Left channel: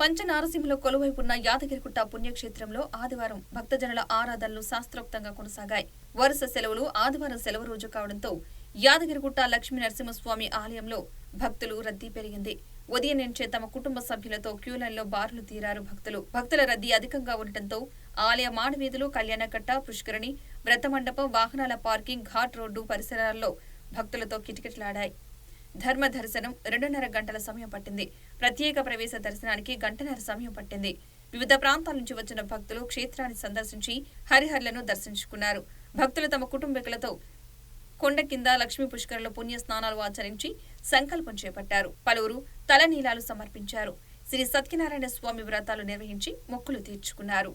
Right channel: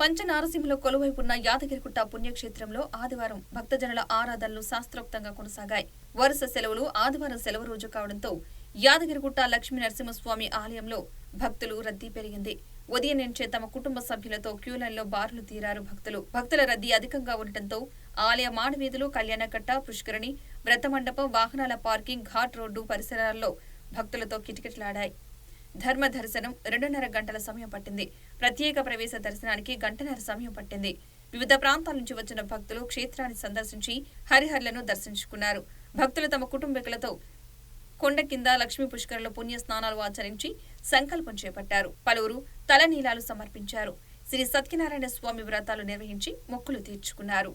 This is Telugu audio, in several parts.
పంచనారసింహలో కొలువైపున్న యాదగిరిగుట్ట పుణ్యక్షేత్రంలో ఆదివారం భక్తజనుల ఆరాధనలు శాస్త్రోక్తంగా కొనసాగాయి. వరుస సెలవులు ఆదివారం సెలవు రోజు కావడంతో యాదగిరిగుట్ట లక్ష్మీ నరసింహస్వామి ఆలయంలో భక్తులు రద్దీ పెరిగింది. ఉదయం నుంచే తమ కుటుంబ సభ్యులతో క్యూలైన్లో బారులు తీరారు భక్తులు. భక్తుల రద్దీ అధికంగా ఉండటంతో ఆలయ మాడవీధులు, కళ్యాణకట్ట, పుష్కరిణి, వ్రతమండపం, వాహనాల పార్కింగ్, ఘాట్ రోడ్డు పరిసరాల్లో భక్తులతో కిటకిటలాడాయి. ధర్మ దర్శనం 2.5 గంటల సమయం పట్టింది. ప్రత్యేక ప్రవేశ దర్శనానికి 1.5 గంటల సమయం పట్టింది. వివిధ ప్రాంతాల నుంచి వచ్చిన భక్తులు క్షేత్రాన్ని సందర్శించి హరిహరులను దర్శించుకున్నారు. భక్తులు తమ కుటుంబీకులతో కొండ కింద లక్ష్మీ పుష్కరంలో పుణ్య స్నానాలు ఆచరించి సంకల్పం చేపట్టారు. పలువురు తలనీలాలు సమర్పించారు. శ్రీ సత్యనారాయణ స్వామి వ్రతాలు నిర్వహించి మొక్కులు తీర్చుకున్నారు.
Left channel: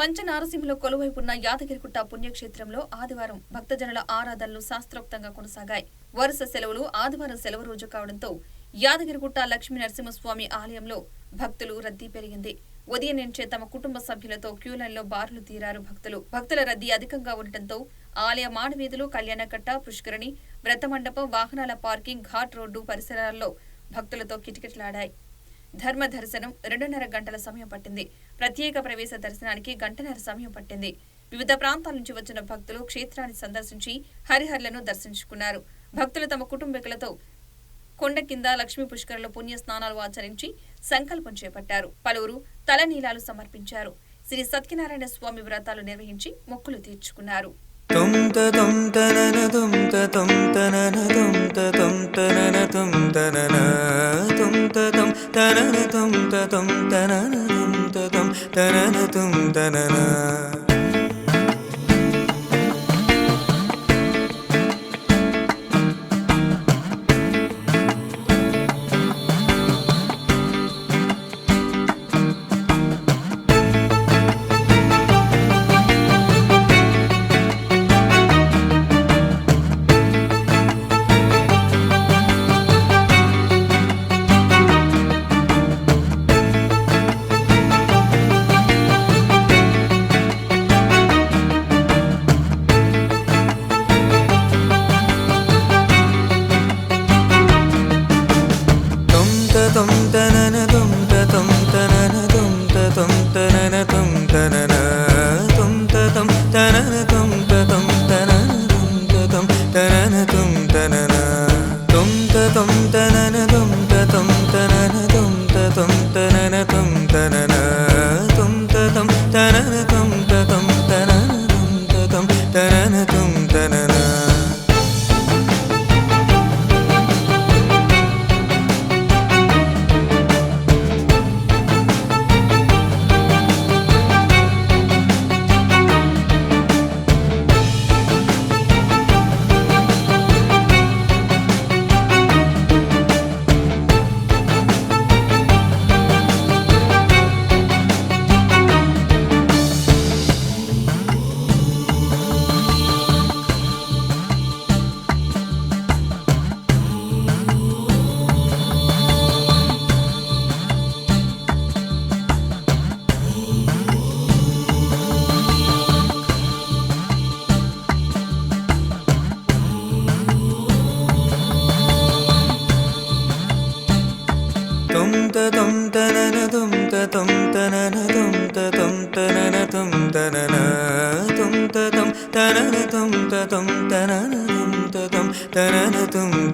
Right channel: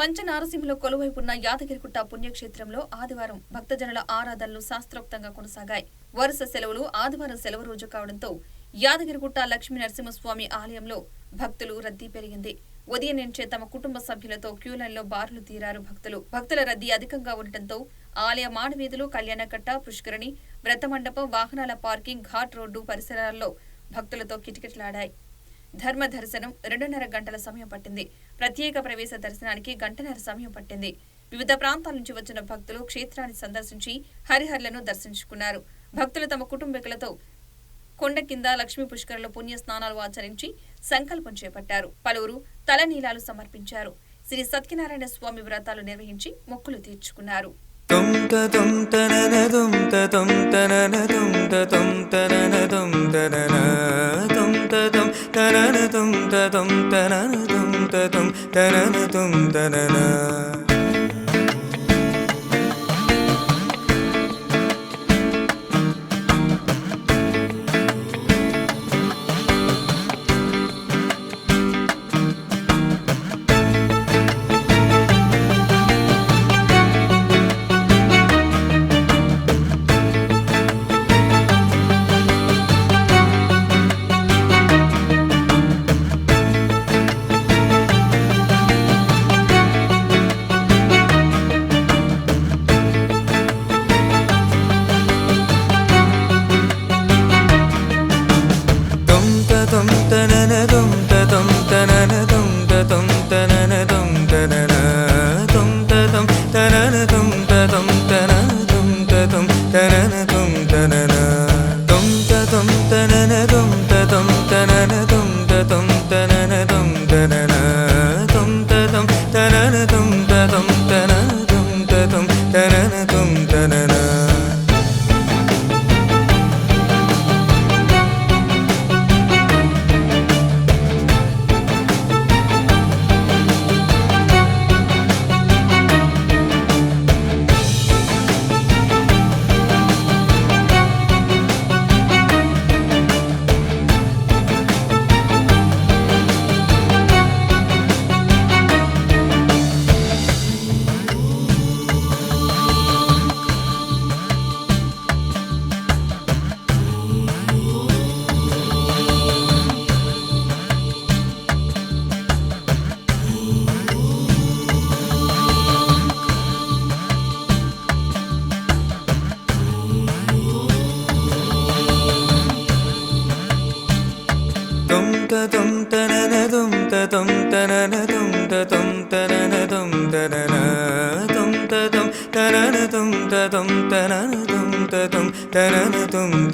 పంచనారసింహలో కొలువైపున్న యాదగిరిగుట్ట పుణ్యక్షేత్రంలో ఆదివారం భక్తజనుల ఆరాధనలు శాస్త్రోక్తంగా కొనసాగాయి. వరుస సెలవులు ఆదివారం సెలవు రోజు కావడంతో యాదగిరిగుట్ట లక్ష్మీ నరసింహస్వామి ఆలయంలో భక్తులు రద్దీ పెరిగింది. ఉదయం నుంచే తమ కుటుంబ సభ్యులతో క్యూలైన్లో బారులు తీరారు భక్తులు. భక్తుల రద్దీ అధికంగా ఉండటంతో ఆలయ మాడవీధులు, కళ్యాణకట్ట, పుష్కరిణి, వ్రతమండపం, వాహనాల పార్కింగ్, ఘాట్ రోడ్డు పరిసరాల్లో భక్తులతో కిటకిటలాడాయి. ధర్మ దర్శనం 2.5 గంటల సమయం పట్టింది. ప్రత్యేక ప్రవేశ దర్శనానికి 1.5 గంటల సమయం పట్టింది. వివిధ ప్రాంతాల నుంచి వచ్చిన భక్తులు క్షేత్రాన్ని సందర్శించి హరిహరులను దర్శించుకున్నారు. భక్తులు తమ కుటుంబీకులతో కొండ కింద లక్ష్మీ పుష్కరంలో పుణ్య స్నానాలు ఆచరించి సంకల్పం చేపట్టారు. పలువురు తలనీలాలు సమర్పించారు. శ్రీ సత్యనారాయణ స్వామి వ్రతాలు నిర్వహించి మొక్కులు తీర్చుకున్నారు. Dum